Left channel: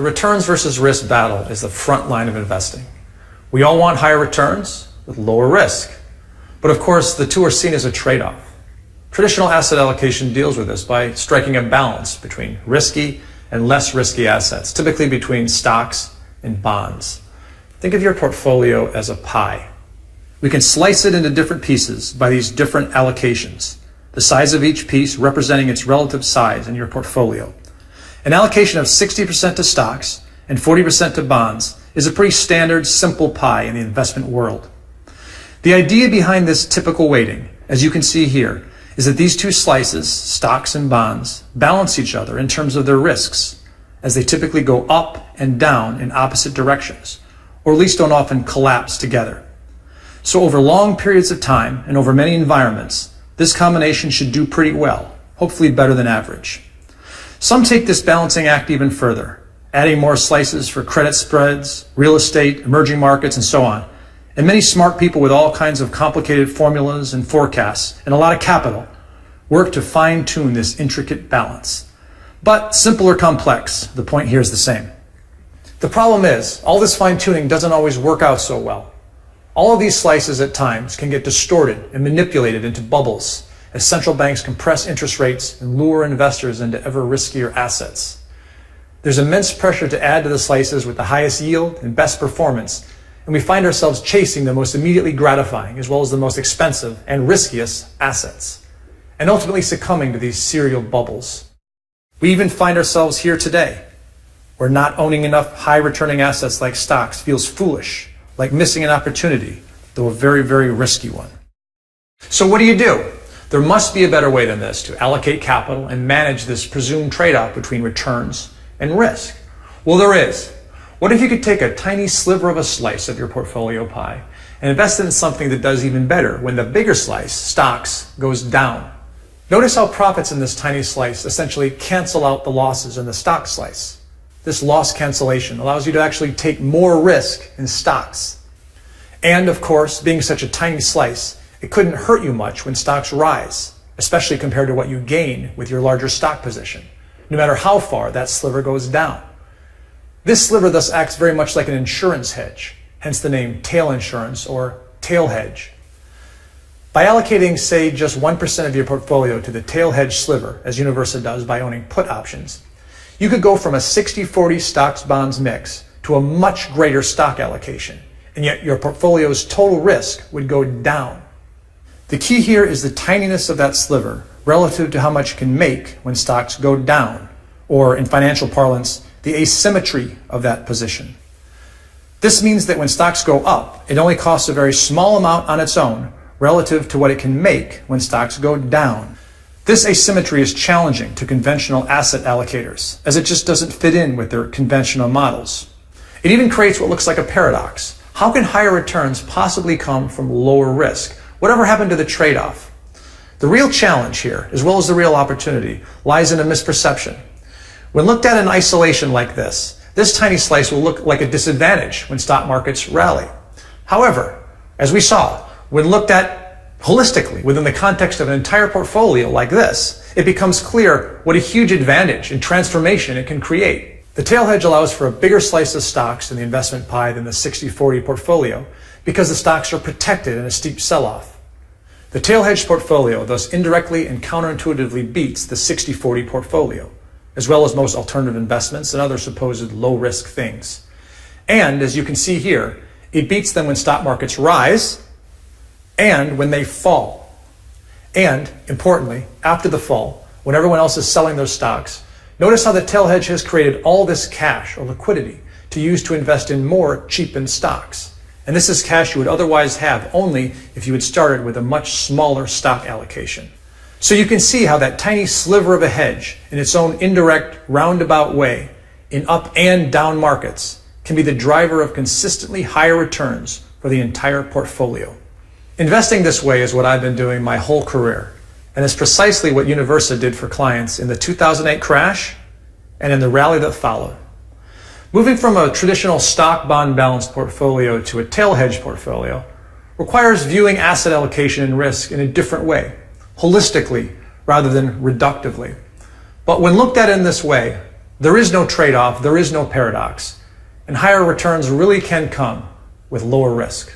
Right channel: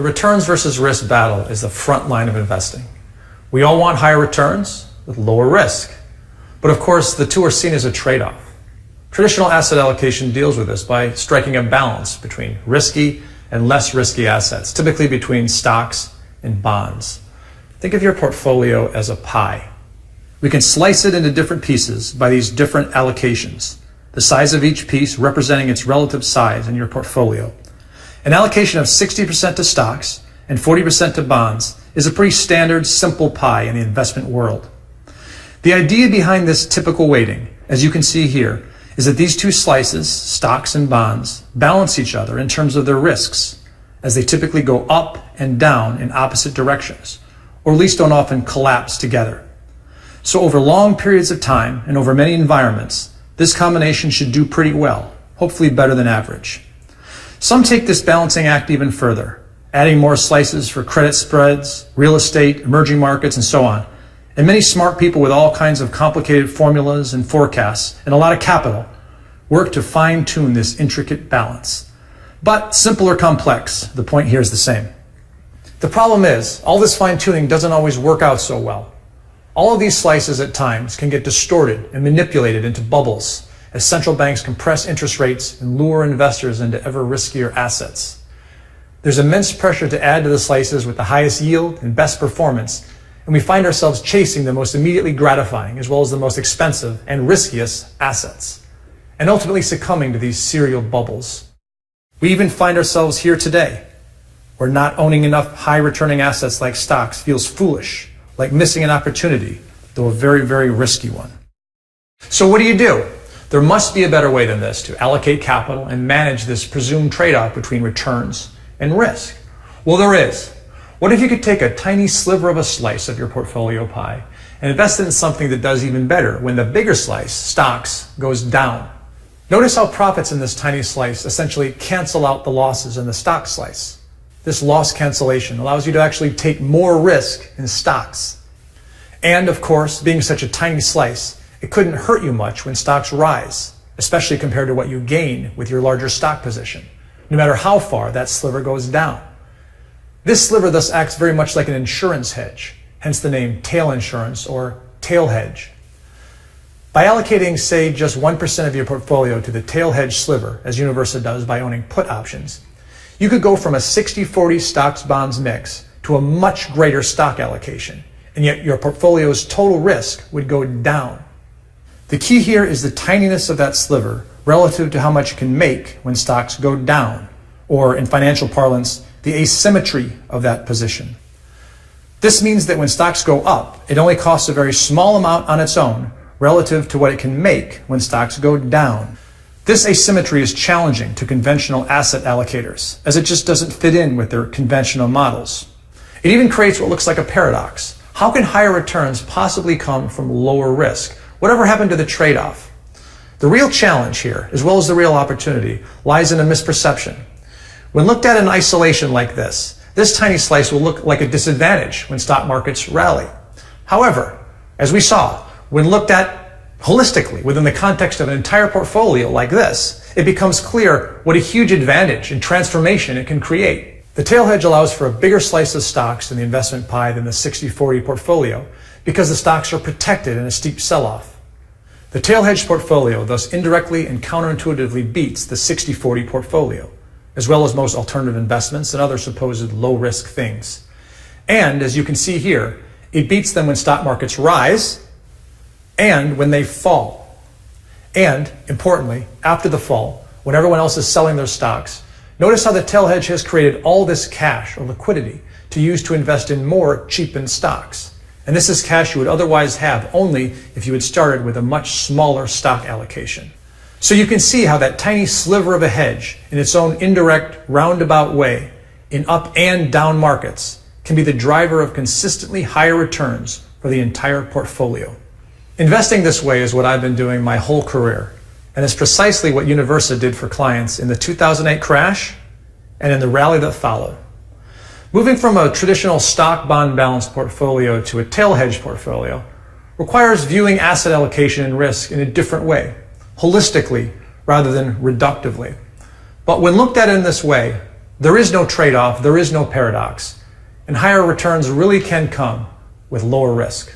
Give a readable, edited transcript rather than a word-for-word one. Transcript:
The returns versus risk battle is the front line of investing. We all want higher returns with lower risk. But of course, the two are seen as a trade-off. Traditional asset allocation deals with this by striking a balance between risky and less risky assets, typically between stocks and bonds. Think of your portfolio as a pie. We can slice it into different pieces by these different allocations, the size of each piece representing its relative size in your portfolio. An allocation of 60% to stocks and 40% to bonds is a pretty standard, simple pie in the investment world. The idea behind this typical weighting, as you can see here, is that these two slices, stocks and bonds, balance each other in terms of their risks, as they typically go up and down in opposite directions, or at least don't often collapse together. So over long periods of time and over many environments, this combination should do pretty well, hopefully better than average. Some take this balancing act even further, adding more slices for credit spreads, real estate, emerging markets, and so on. And many smart people with all kinds of complicated formulas and forecasts and a lot of capital work to fine-tune this intricate balance. But simple or complex, the point here is the same. The problem is, all this fine-tuning doesn't always work out so well. All of these slices at times can get distorted and manipulated into bubbles as central banks compress interest rates and lure investors into ever riskier assets. There's immense pressure to add to the slices with the highest yield and best performance, and we find ourselves chasing the most immediately gratifying as well as the most expensive and riskiest assets, and ultimately succumbing to these serial bubbles. We even find ourselves here today, where not owning enough high-returning assets like stocks feels foolish, like missing an opportunity, though a very, very risky one. So what do? There must be a better way than this to allocate capital and manage this presumed trade-off between returns and risk. Well, there is. What if you could take a tiny sliver of a slice of your portfolio pie and invest it in something that does even better when the bigger slice, stocks, goes down? Notice how profits in this tiny slice essentially cancel out the losses in the stock slice. This loss cancellation allows you to actually take more risk in stocks. And of course, being such a tiny slice, it couldn't hurt you much when stocks rise, especially compared to what you gain with your larger stock position, no matter how far that sliver goes down. This sliver thus acts very much like an insurance hedge, hence the name tail insurance or tail hedge. By allocating, say, just 1% of your portfolio to the tail hedge sliver, as Universa does by owning put options, you could go from a 60-40 stocks-bonds mix to a much greater stock allocation, and yet your portfolio's total risk would go down. The key here is the tininess of that sliver relative to how much it can make when stocks go down, or in financial parlance, the asymmetry of that position. This means that when stocks go up, it only costs a very small amount on its own relative to what it can make when stocks go down. This asymmetry is challenging to conventional asset allocators, as it just doesn't fit in with their conventional models. It even creates what looks like a paradox. How can higher returns possibly come from lower risk? Whatever happened to the trade-off? The real challenge here, as well as the real opportunity, lies in a misperception. When looked at in isolation like this tiny slice will look like a disadvantage when stock markets rally. However, as we saw, when looked at holistically within the context of an entire portfolio like this, it becomes clear what a huge advantage and transformation it can create. The tail hedge allows for a bigger slice of stocks in the investment pie than the 60-40 portfolio because the stocks are protected in a steep sell-off. The tail hedge portfolio thus indirectly and counterintuitively beats the 60-40 portfolio, as well as most alternative investments and other supposed low-risk things. And as you can see here, it beats them when stock markets rise and when they fall. And, importantly, after the fall, when everyone else is selling their stocks, notice how the tail hedge has created all this cash or liquidity to use to invest in more cheapened stocks. And this is cash you would otherwise have only if you had started with a much smaller stock allocation. So you can see how that tiny sliver of a hedge, in its own indirect, roundabout way, in up and down markets, can be the driver of consistently higher returns for the entire portfolio. Investing this way is what I've been doing my whole career, and it's precisely what Universa did for clients in the 2008 crash and in the rally that followed. Moving from a traditional stock-bond balanced portfolio to a tail hedge portfolio requires viewing asset allocation and risk in a different way, holistically rather than reductively. But when looked at in this way, There is no trade-off, there is no paradox, and higher returns really can come with lower risk.